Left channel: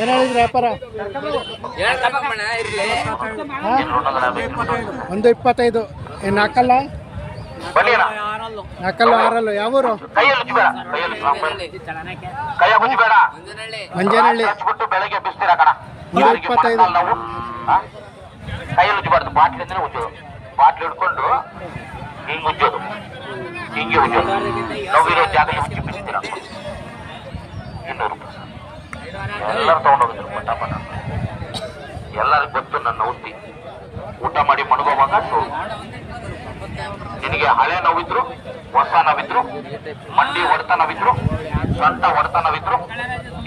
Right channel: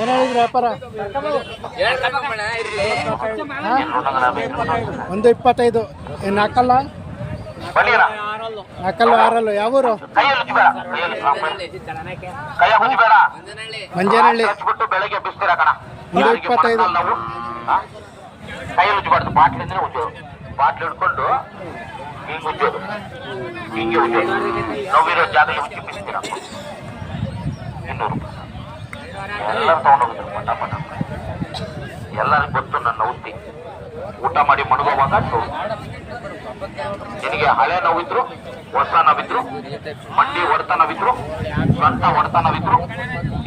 ಏನು ಹೇಳಿದ್ರಿ ವ್ಯಾಪಾರ? 1.25. ಏನು ನಾಲ್ಕಲ್ಲ? ನಾಲ್ಕಲ್ಲು ಆರಲ್ಲು. ಯಾವೂರು? ಮಂಜೇನಹಳ್ಳಿ. 1.25. ಬಾಟ್ಲಿ ಹಿಡ್ಕೊಂಡು ಹಿಂಗೆ ಉಜ್ಜೋದು, ಹಿಂಗೆ ಉಜ್ಜೋದು. ನೋವಿರೋ ಜಾಗದಲ್ಲಿ ಬಿಸ್ತೀರ 200 ಎಲ್ಲ ತಗೊಂಡೋಗ್ತಾರೆ. ಪಟಾಪಟ ಎಲ್ಲರಿಗೂ ಗೊತ್ತು ನನ್ನ ಉಪ್ಪಿ. ಊಟ ಮಾಡಿ ಮಣಗೋವಾಗ ನಿನಗೆ ಹಳೆ ನೋವಿದ್ರು, ಹೊಸ ನೋವಿದ್ರು, ಮಂಡಿ ಹೊಡೆತ ನೋವಿದ್ರು, ಸೊಂಟ ಹೊಡೆತ ನೋವಿದ್ರು,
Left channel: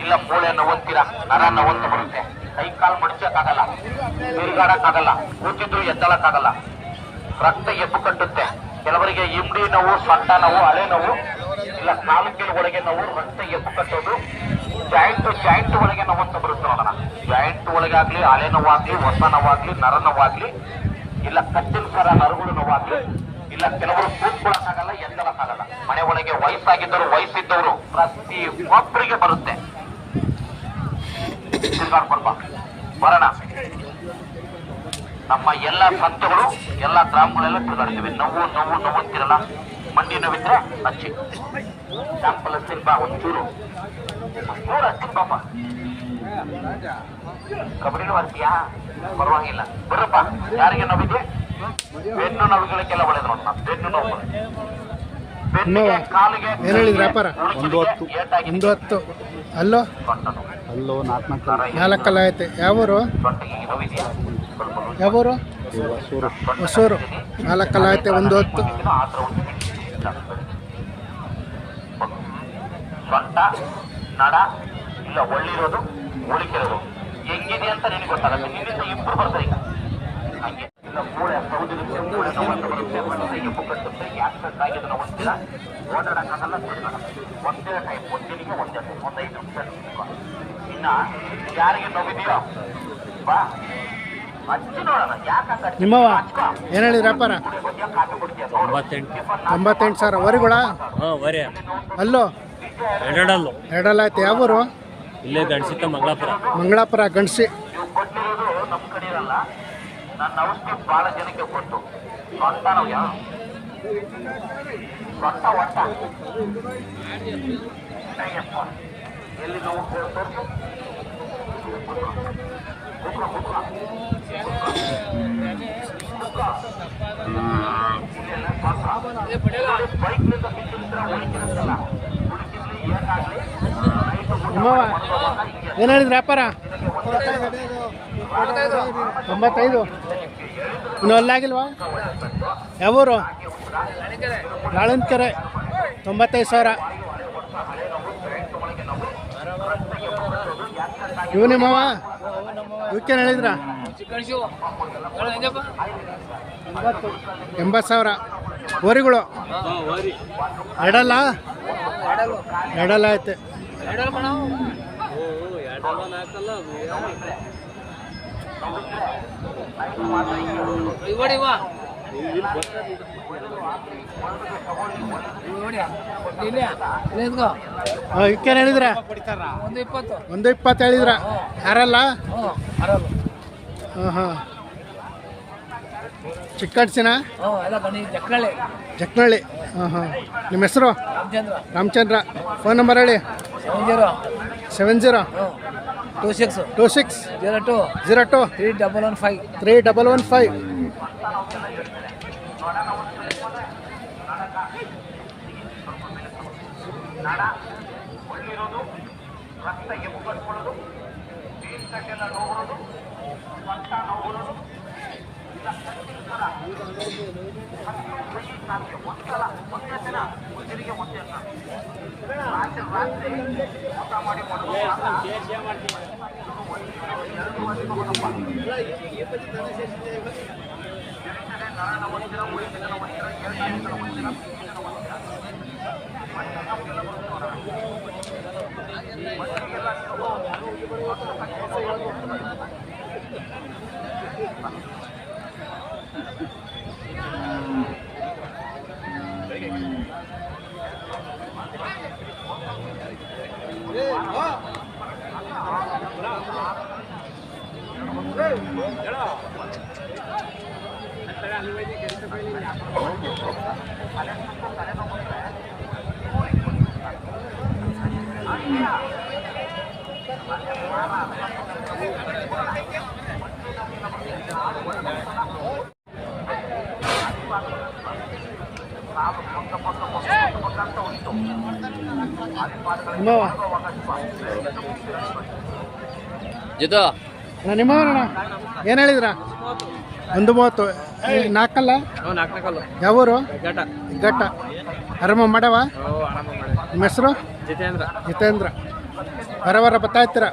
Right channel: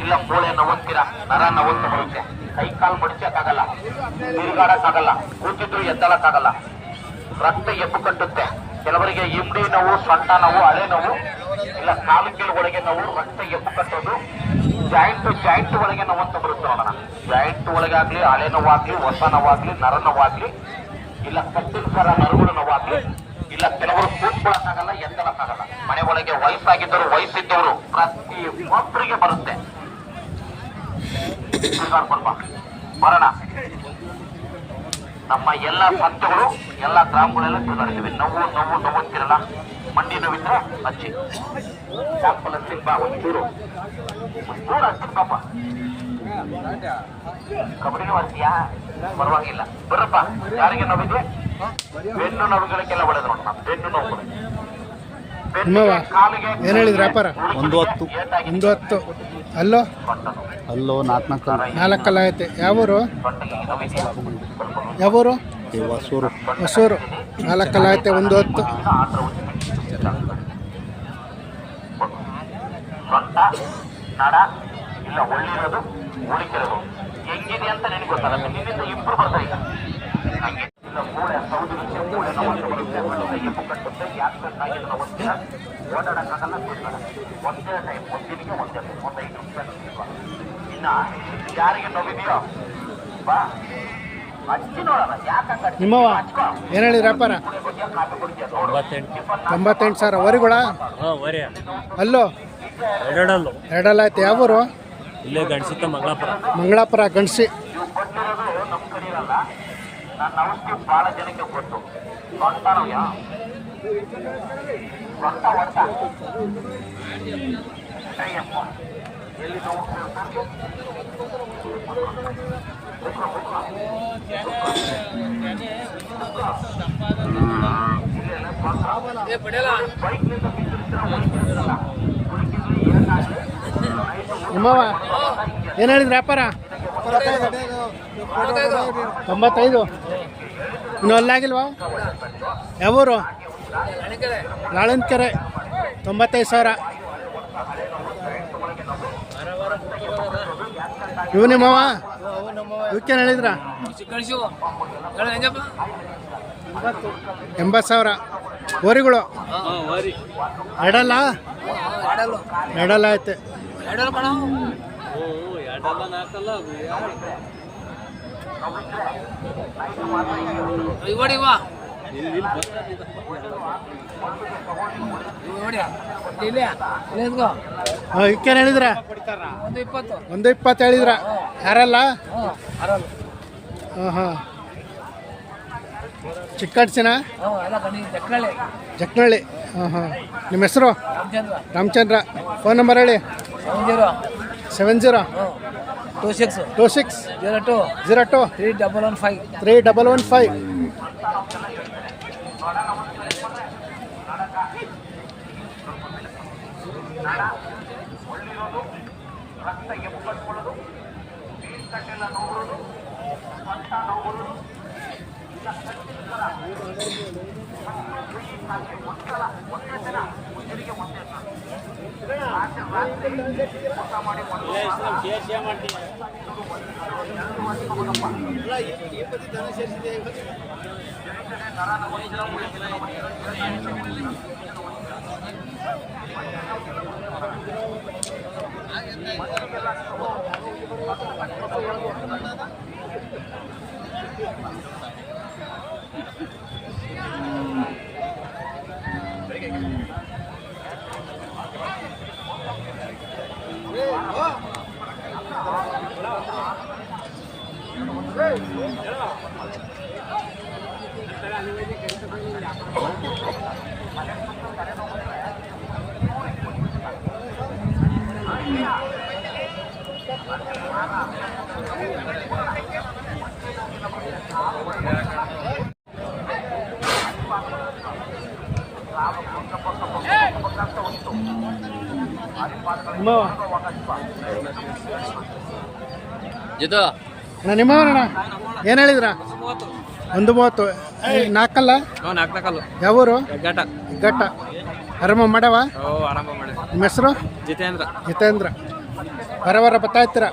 ಇಲ್ಲ ಕೋಳೆ ನೋವಂತೀರ, ನರ ನೋವಂತ ಬರುತ್ತೆ. ಕೈ ಕಾಲು ಮಡಿಚಕ್ಕಾಗಲ್ಲ, ತಿರುಗಾಡಕ್ಕಾಗಲ್ಲ, ಕೂತಿದ್ರು ಎದ್ದಲಕ್ಕಾಗಲ್ಲ, ರಕ್ತ ಎದ್ದು ಕಟ್ಟುತ್ತೆ. ಕೆಲವರಿಗೆ ಇಬ್ಡಿ ನೋವು, ಸೊಂಟ ನೋವು, ಹಳೆ ನೋವು, ಇಲ್ಲ ಕಾಲು ಕೀಲು ಒಳಗೆ ನೋವು, ರಕ್ತ ಎದ್ದು ಕಟ್ಟೋದು, ಜಾಯಿಂಟ್ ಒಳಗೆ ನೋವು ಅಂತ ಬರುತ್ತೆ ನೋಡೋಣ. ಜಾಯಿಂಟ್ ಒಳಗಾಗ್ಲಿ, ಹಳೆ ನೋವಾಗ್ಲಿ, ಹೊಸ ನೋವಾಗ್ಲಿ, ನರ ನೋವಾಗ್ಲಿ, ಇಲ್ಲ ಕಟ್ಟಿನ ಸರ ನರಗಳು ನೋವಾಗ್ಲಿ, ಇಲ್ಲ ಕೆಲವರು ಕೂತ್ಕೊಳ್ಳಕ್ಕಾಗಲ್ಲ, ಎದ್ದಲಕ್ಕಾಗಲ್ಲ. ಮನೆ ಒಳಗೆ ವಯಸ್ಸಾಗಿದ್ದವರು, ವಯಸ್ಸಿದ್ದವರು ಪ್ರತಿ ಒಬ್ಬರಿಗೆ ಬರುತ್ತೆ. ಬರೋಣ. ನಮ್ಮ ಎಲ್ಲ ಸಂತಗಳು ಎಲ್ಲ ಗ್ರಾಮಗಳೆಲ್ಲ ತಿರುಗಾಡ್ತೀವಿ. ನೋವು ಅಂತಿರಲ್ಲ, ಮಂಡಿ ನೋವಿದ್ರೆ ಹಚ್ಚಿ ಸ್ಯಾಂಪಲ್ ಹಚ್ಚಿ ಬಾ, ಒಂಚೂರು ನೂರು ಹಚ್ಚಿ ಪಾಪ. ಕಬಡ್ಡಿನೂ ಹಚ್ಚಿಯಾ? ಪರವಾಗಿಲ್ಲ, ಬರಪ್ಪ. ಯಾರಿಗೆ ನೋವಿದೆ? ಬೆನ್ನು ನೋವುಗಳಿಗೆಲ್ಲ ಒಳ್ಳೆದು ನೋಡೋಣ. ಬೆನ್ನು ನೋವು, ಏನು ಹೇಳಿದ್ರಿ ವ್ಯಾಪಾರ? 1.10. ಅಲ್ಲೋ ಅಲ್ಲೋ 4 ಐತೆ. ಯಾವೂರು? ಯಾವೂರು? ಹೊಸೂರು. 4 ಐತೆ. 1.10. ಸೊಂಟ, ನಡ, ಇಲ್ಲ ಒಳ್ಳಿರೋದು, ಉಳಿಕಿರೋದು ಹೆಂಗಿದೆ ಅಂತ ನಿನಗೆ ಗೊತ್ತಾಗುತ್ತೆ. ನಿನ್ನಿಂದ ಇಂಪ್ರೂವ್ ಬರ್ತಾ ಈಗ. ಹಂಗೆ ಇಲ್ಲ ಮೂಳೆ ಸೌದಿರುತ್ತೆ, ಮೂಳೆ ನೋಡುತ್ತೆ, ಮಣ್ಣಿನ ಎಪ್ಪು ಕಟ್ಟುತ್ತೆ, ಆಕ್ಸಿಡೆಂಟ್ ಆಗಿದೆ ನಾವು ಗೊತ್ತಿಲ್ಲ, ಓಡಾಡಕ್ಕಾಗಲ್ಲ. ಒಂದೇ ಟೈಮ್, ಒಂದಿನಿಗೆ ಒಂದೇ ಟೈಮ್, 5 ನಿಮಿಷ. ಇನ್ನ ಯಾರಿಗೆ ನೋವಿದೆಯೋ ಬಾ ಹಚ್ಚಿ ನೋಡೋಣ. ಯಾಕಂದ್ರೆ ನಿಮ್ಮವ ಏನು ಹೇಳಿದ್ರಿ ವ್ಯಾಪಾರ? 98,000. ವರಿಗಳ? ಅಲ್ಲೋ ಎರಡಲ್ಲ ಐತೆ. ಯಾವೂರು? ಇಲ್ಲೇ ಗಣಸಿತ ಮಂಗಳಾಪುರ. ಗಣಸಿ. ಕೊಟ್ಟಿರೋದು ನಮ್ಮ ಕಡೆ ಇರಲ್ಲ. ನನ್ನ ಔಷಧಿ ಬಹಳ ಜನಕ್ಕೆ ಕೊಟ್ಟು ಸೊಂಟ ನೋವ್ಯಾ, ಸೊಂಟ ಒಟ್ಟ ಎಲ್ಲಿ ನೋವು ನಿಮ್ಮವ ಏನು ಹೇಳಿದ್ರಿ ವ್ಯಾಪಾರ? 95. ಇನ್ನೂ ಅಲ್ಲಾಗಿಲ್ವಾ? ಯಾವೂರು? ಲಾಳನ್ಕೆರೆ. 95,000. ಇವು ನಿಮ್ಮವ? ಇವಕ್ಕೇನು ಹೇಳಿದ್ರ? 80,000. ಓರಿಗಳು ಎರಡಲ್ಲ? ಎರಡಲ್ಲ ಐತೆ. ಇವಕ್ಕೇನು ಹೇಳಿದ್ರ? 120 ಹೇಳಿದ್ರ? ಯಾರಲ್ಲ? ಹಾಂ. ಚಿಕ್ಕಡ್ಸಿನ? ಜಕ್ನಳ್ಳಿ. ಹಾಂ. ನಿಮ್ಮ ಹೆಸರು? ರಾಮಚಂದ್ರ. ಫೋನ್ ನಂಬರ್ ಹೇಳಿ. 70 26 02 3115 3115. ನಿಮ್ಮವ ಜಿತು ಅಣ್ಣ ನಿಮ್ಮವನಣ್ಣ ಏನು ಹೇಳಿದ್ರ 1:30 ನಾಲ್ಕಲ್ಲ ಯಾವೂರು ಘಟ್ಟ ಆರಾಮ ಮಾಡವ ನಿಮ್ಮ ಹೆಸರು ಜಿತೇಂದ್ರ ಬರ ಬರ್ತಾ ಇರ್ತೀರ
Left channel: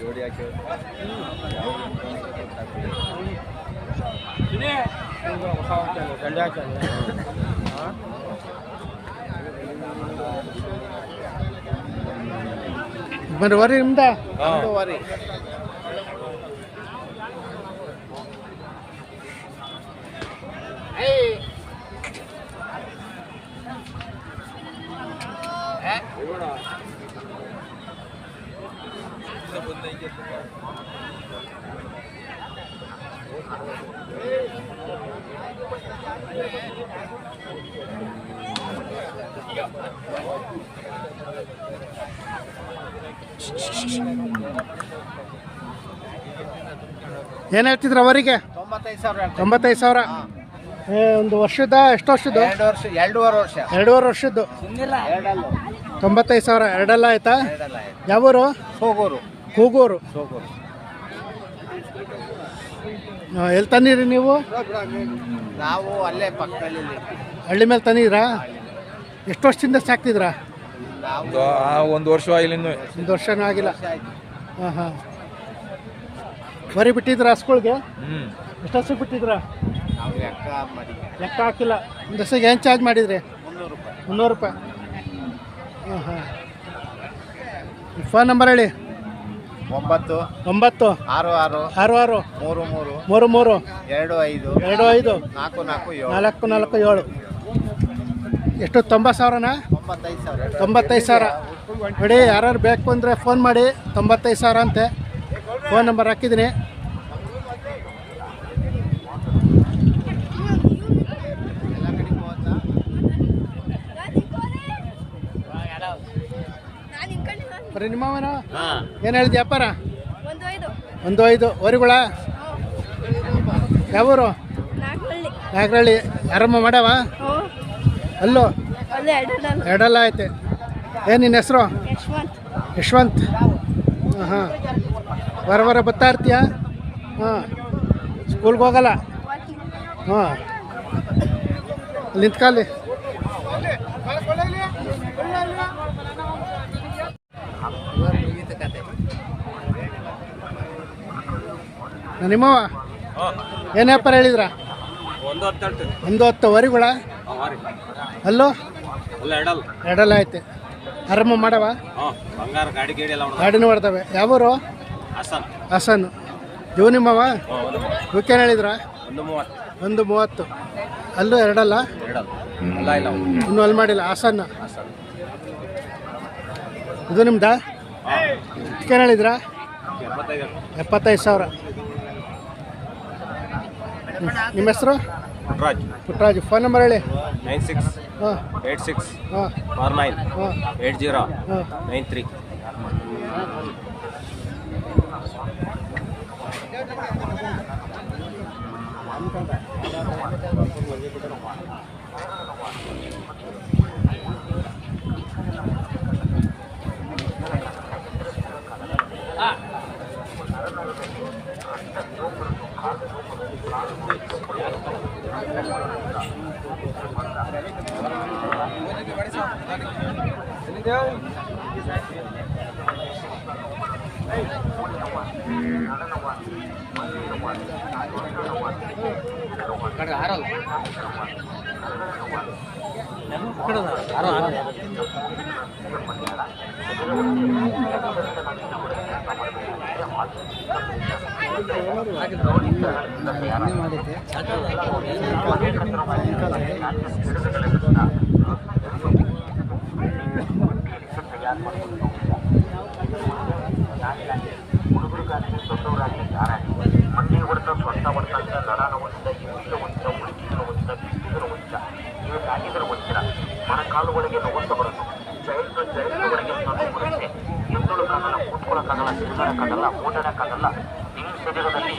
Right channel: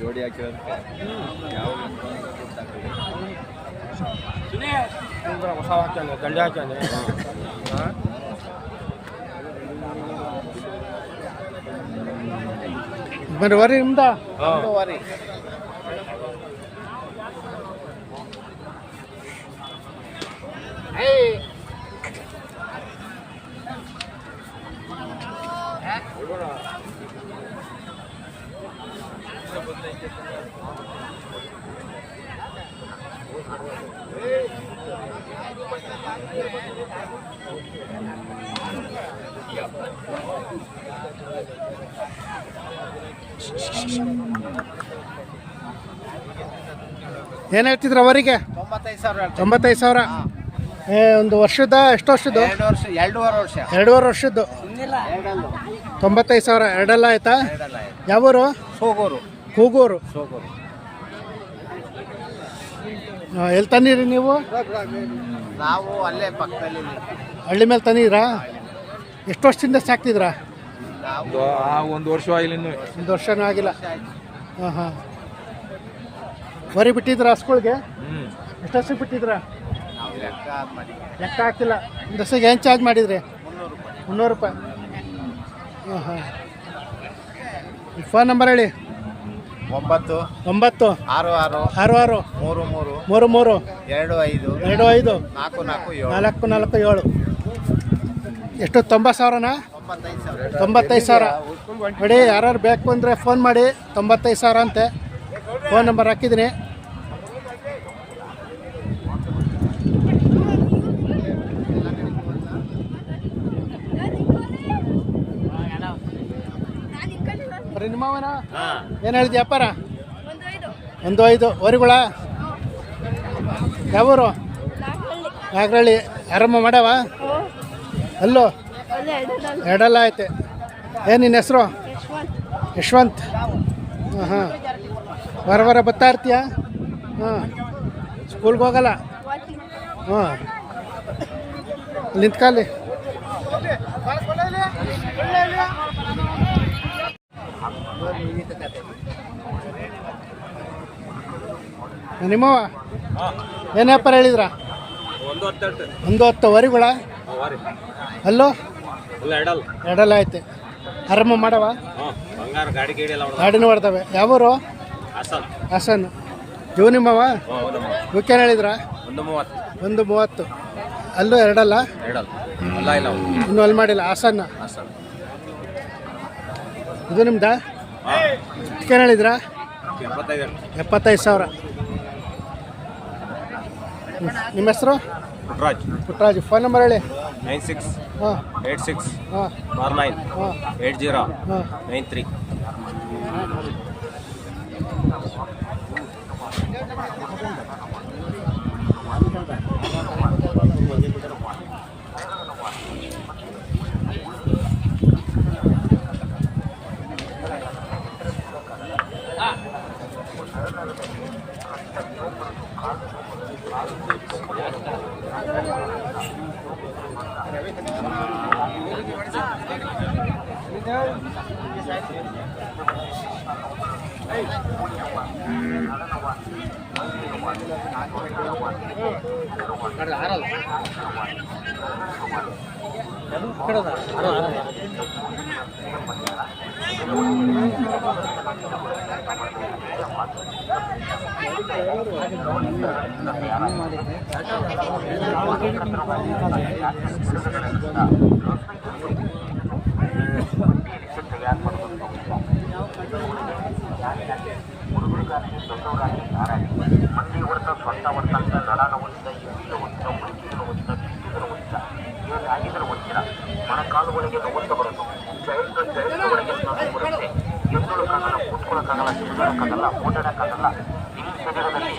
ಜೋಡಿ ಹಾಕಿ ಯಾವ ಬರ್ರಿ ವರಿ ನಿಮ್ದ ಏನು ಹೇಳ್ತಿದ್ರ ಅವರಿಗೆ 95,000 ಒಂದು ವರ್ಷದ ಎಷ್ಟು ವರ್ಷದ್ದು 2.5 ವರ್ಷದ್ದು 95,000 ಎರಡೆಲ್ಲ ಆಯ್ತಾ ಯಾವೂರು ಕೂಗೂರು ಎಲ್ಲಿ ತಂದಿರಿ ನೀವು ನಾವು ಅಲ್ಲೇ ಪಕ್ಕದಲ್ಲಿ ಹಳ್ಳಿ ಮೇಲೆ ತಂದಿದ್ರಾ ಎಷ್ಟು ವರ್ಷದಿಂದ ಸಾಕ್ತಿದ್ರಾ ಒಂದು ವರ್ಷ ಆಗಿಲ್ಲ ಒಂದು ವರ್ಷನೂ ಆಗಿಲ್ಲ ಹಾಂ ಹಾಂ ವರಿ ಬಿಟ್ಟಿದ್ರ ಹಸ್ಗಳ್ಗೆ ಎಷ್ಟು ವರ್ಷಕ್ಕೆ ಬಿಟ್ಟಿದ್ರ ನಾವು ಲೆಕ್ಕ ಹಾಕಿಲ್ಲ ಒಂದು ವರ್ಷಕ್ಕೆ ಏನು ಚಾರ್ಜ್ ಮಾಡಿದ್ರಿ 300 ರೂಪಾಯಿ ಹಾಂ ಹಾಂ ಫೋನ್ ನಂಬರ್ ಹೇಳಿ 9 9 66 66 33 33 25 25 44 447 ಎಷ್ಟು 90,000ನಾ 95,000 ನೋಡಿ ಯಾರು ಬೇಕು ಅಂದರೆ ಫೋನ್ ಮಾಡಿ 95,000 ಅಂತೆ ಫೋನ್ ನಂಬರ್ ಹಾಕಿದ್ದೀನಿ ಬರೀ ನಿಮ್ಮವನ ಏನು ಹೇಳಿದ್ಯ ವ್ಯಾಪಾರ 1.5 ವರಿಗಳ ಯಾವೂರು ನಾಗರಳ್ಳಿ ಆರಾಮ ಮಾಡವ ಅಲ್ಲೋ ಎರಡಲ್ಲ ಐತೆ ಏನು ನಿನ್ನ ಹೆಸರು ಯಶವಂತ್ ಹಾಂ ಹಾಂ ವಾರ ಬರ್ತಾ ಇರ್ತೀಯ ಹಾಂ ಸ್ಕೂಲ್ಗೆ ಹೋಗಲ್ಲ ಹಾಂ ನಿಂತ್ಕಾಲಿ ನಿಮ್ಮವ ಏನು ವ್ಯಾಪಾರ ಹೇಳಿದ್ರ 110 ವರಿಗಳ ಅಲ್ಲೋ ಎರಡಲ್ಲ ಐತೆ ಆರಾಮ ಮಾಡವ ಗಾಡಿನೂ ಬರ್ತವೆ. ಯಾವೂರು? ಹಾಸನ್. ಇವು ನಿಮ್ಮವ? ಇವಕ್ಕೇನು ಹೇಳಿದ್ರ? 130. ಅಲ್ಲೂ ಎರಡಲ್ಲ? ಇನ್ನೂ ಅಲ್ಲಿ ಮಾಡಿಲ್ಲ. ಹಾಸನ್ನ. ಇದು ನಿಮ್ದಾ? ಇದಕ್ಕೇನು ಹೇಳಿದ್ರ? 75,000. ನಿಮ್ಮ ಹೆಸರು? ಪುಟ್ಟರಾಜ್. ಫೋನ್ ನಂಬರ್ ಹೇಳಿ. 96 ಹಾಂ 86 ಹಾಂ 49 ಹಾಂ 80 ಹಾಂ 93. ಮೊಣಕಾಲುಗಳಿಗೆ ನೋವಂತ ಬರೋದು. ಜೈಲ್ಟ್ ಒಳಗೆ ನೋವು ಬರುತ್ತೆ. ಎದ್ದೊಳಕ್ಕಾಗಲ್ಲ, ಕೂತ್ಕೊಳ್ಳೋಕ್ಕಾಗಲ್ಲ, ತಿರುಗಾಡಕ್ಕಾಗಲ್ಲ, ಓಡಾಡಕ್ಕಾಗಲ್ಲ. ನಿಮ್ಮ ಶರೀರದಲ್ಲಿ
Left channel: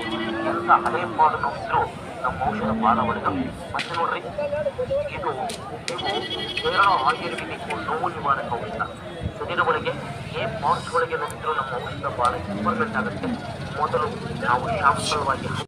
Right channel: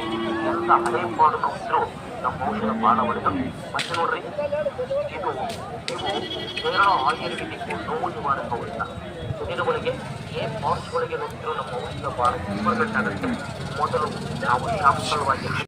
ಎಂತ ಹಳೆಯಪಾದ ನೋವಿದ್ರು ನಮ್ಮ ಔಷಧ ಮಾನವಳಿಗೆ ಮತ್ತೆ ನೋಡ್ರಿ, ಇದು ಕೇರಳ ಆಯುರ್ವೇದಿಕ್ ನೋವು ನಿವಾರಕ ಔಷಧ. ಶರೀರ ಒಳಗೆ ಏನ್ ಪಾರ್ಟ್ಸ್ ಒಳಗೆ ನೋವಿದ್ರು ನಮ್ಮ ಔಷಧ ಬಹಳ ಇಂಪಾರ್ಟೆಂಟ್ ಆಗುತ್ತೆ. ಮೊದಲು ನಾವು ಶಾಂಪಲ್ವಾಗಿ